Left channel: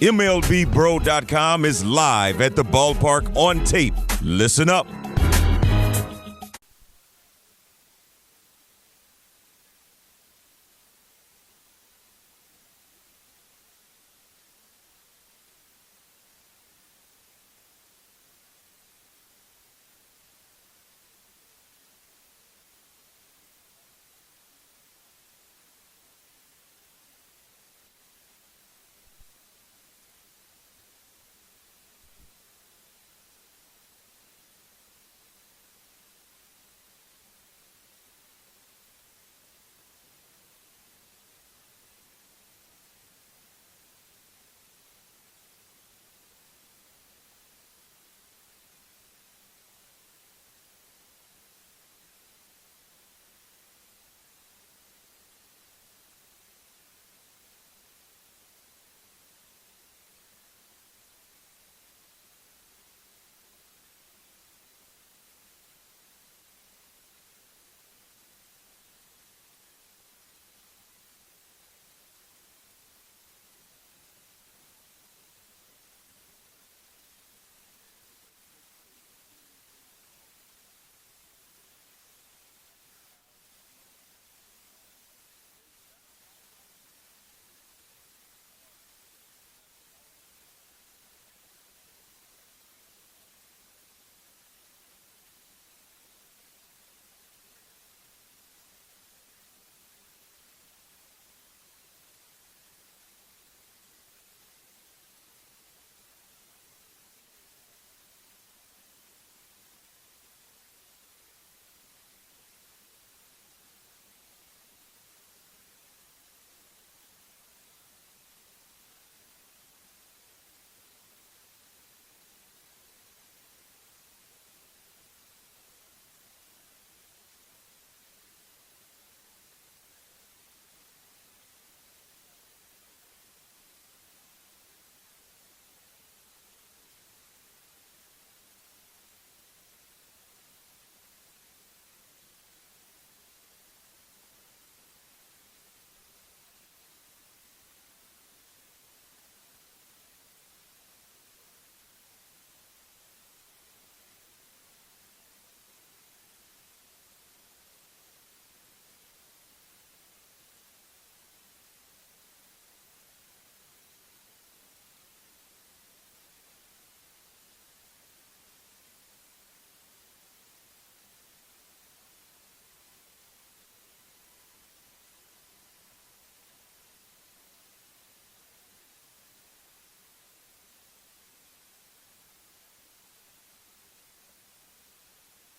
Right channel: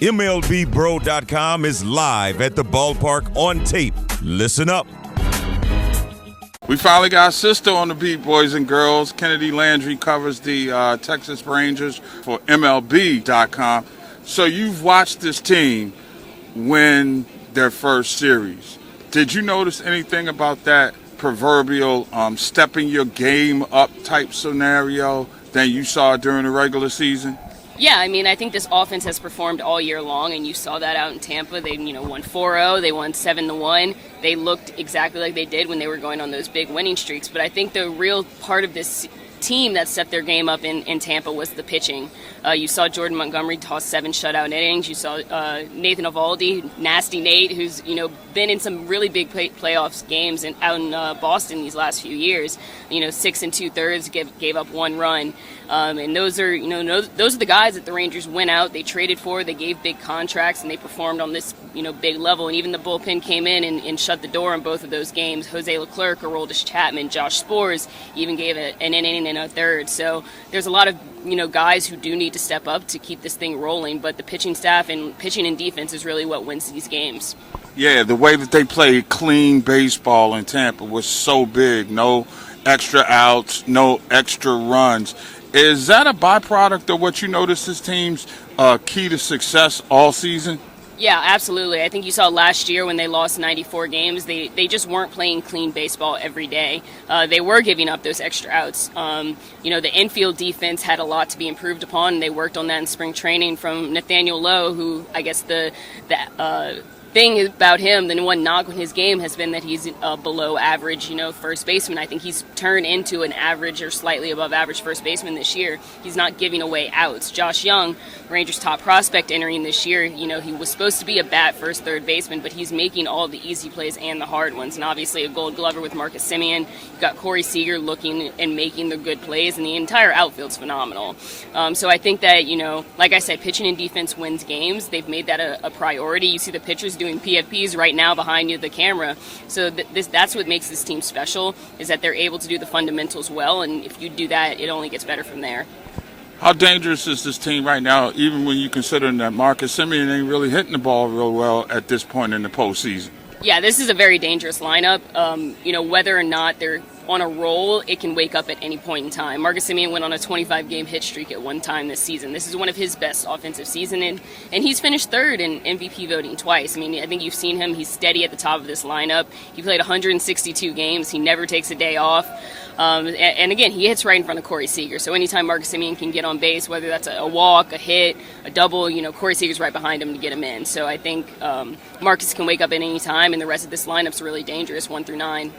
MLBBro.com is live at the ballpark on tape. Listen up. We finally got a sister on the beat, boys and girls. Kennedi Landry covers the Texas Rangers for MLB.com. So you've watched this team win their first series. Did you notice anything about that proverbial stepping your game up type scenario than you saw during the regular season? Yeah, I mean, I think this offense has performed all year long, and you saw that out in Tampa. They, won 4-0. They won 7-1. They looked exactly like they did when they were going on those big winning streaks. But I think the real part of this team that set their game up in Tampa was the pitching. You saw Jordan Montgomery toss 7 shutout innings. You saw Nathan Eovaldi, Nasty Nate, who's been in some really big playoffs games out in Boston these last few years. 6 2/3 gave up 1 run, and those are those are the guys that the Rangers went out. They traded for. They gave big contracts, and they performed on this big level. And even the bullpen came in and shut the door in both of those games. Jose Leclerc, Aroldis Chapman, Josh Sborz even gave an inning and a third. So there's a lot of guys who do need to step up to keep this thing rolling. But the pitching staff and pitching and defense is really what wins these games. Yeah, the way that they played clean baseball in Tampa was so big. No extra outs, no extra runs. Is that a byproduct of what you noticed this team's key to success all season? Yeah, absolutely. I think you saw last year when they lost 94 games, they just weren't playing clean baseball every day. They were giving up those extra outs. The infield defense had a lot to be improved upon, and they worked on that in spring training from Nathaniel Lowe, who I guess the thing about him, the one knock on his game has been that he's below average, first baseman. I think he's turned into an average or slightly above average first baseman this year. He's not giving away outs. Josh Young, Rangers' top prospect entering this year, he was supposed to be a bat first, third baseman, but he's making all the easy plays and the hard ones. And obviously a Gold Glover with Marcus Semien. You've got Corey Seager looking and making the good plays, and the entire outfield's phenomenal. So I think that, like I said, pitching and defense wins games. They've made that a priority. You see the pitchers doing PFPs right now behind you, the camera. So that's what makes this team special, is that they're able to do the fundamentals well, and if you do that, it only gets better from there. How dangerous is this team right now, even when you consider that Marcus Semien ain't really hitting the ball real well at this point in the postseason? Yeah, this is a very dangerous lineup. Whether or not they're on a roll, it can wake up at any point in time. Marcus Semien went on a 25-game hit streak at one time this season. This is one of his best offensive seasons, and he's finished third in MVP voting twice. I mean, I think you've seen him. He's steady at the top of this lineup. He played 162 games. He never takes a day off. And again, he hits right in front of Corey Seager. So anytime Marcus Semien can get on base, whether that's a walk, a hit, a double, Corey Seager's right behind him to get him in. So I think Marcus can wake up at any time, and the rest of this lineup's really dangerous, 1 through 9.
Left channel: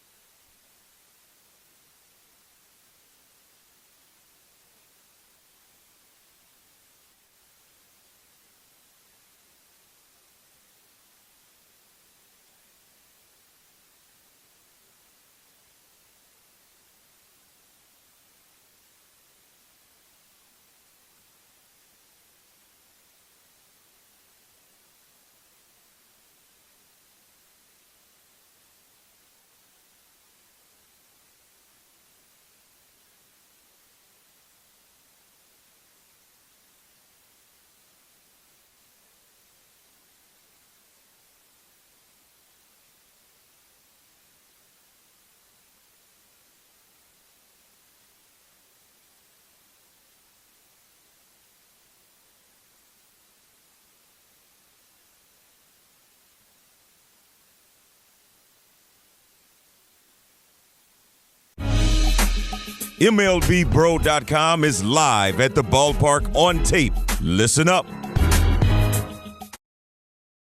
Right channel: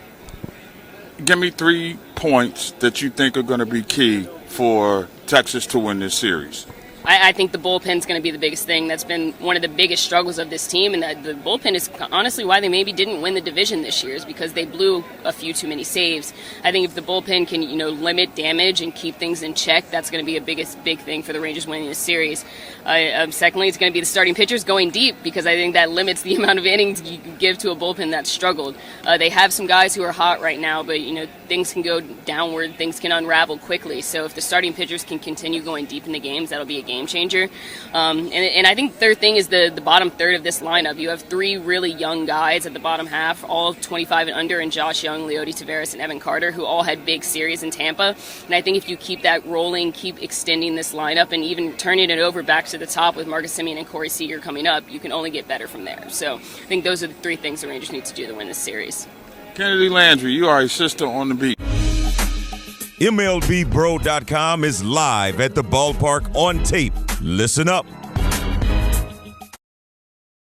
Give me 3 points that you think are going to be key for Texas to win this series. I think the bullpen's going to be the biggest thing. That's been one of the biggest struggles of this team, and the bullpen is honestly why they maybe didn't win the division this year, is because they blew a few too many saves. I think if the bullpen can, limit damage and keep things in check, that's going to be a big thing for the Rangers winning this series. Secondly, it's going to be the starting pitchers going deep, because I think that limits the amount of innings you can give to a bullpen that's struggled. They have some guys who are hot right now, but things can go downward, things can unravel quickly. So if the starting pitchers can continue going deep in the games, that'll be a game changer. And I think the third thing is the bottom third of this lineup. You have 3 really young guys at the bottom half, all 25 and under, and Josh Young, Leody Taveras, and Evan Carter, who all had big series in Tampa. And I think if you keep that rolling, keep extending this lineup, and even turning it over back to the top with Marcus Semien and Corey Seager coming up, you can only get better from there. So I think those are the 3 things the Rangers need to do to win this series. Kennedi Landry, you are a sister on the beat. MLBBro.com is live at the ballpark on tape. Listen up.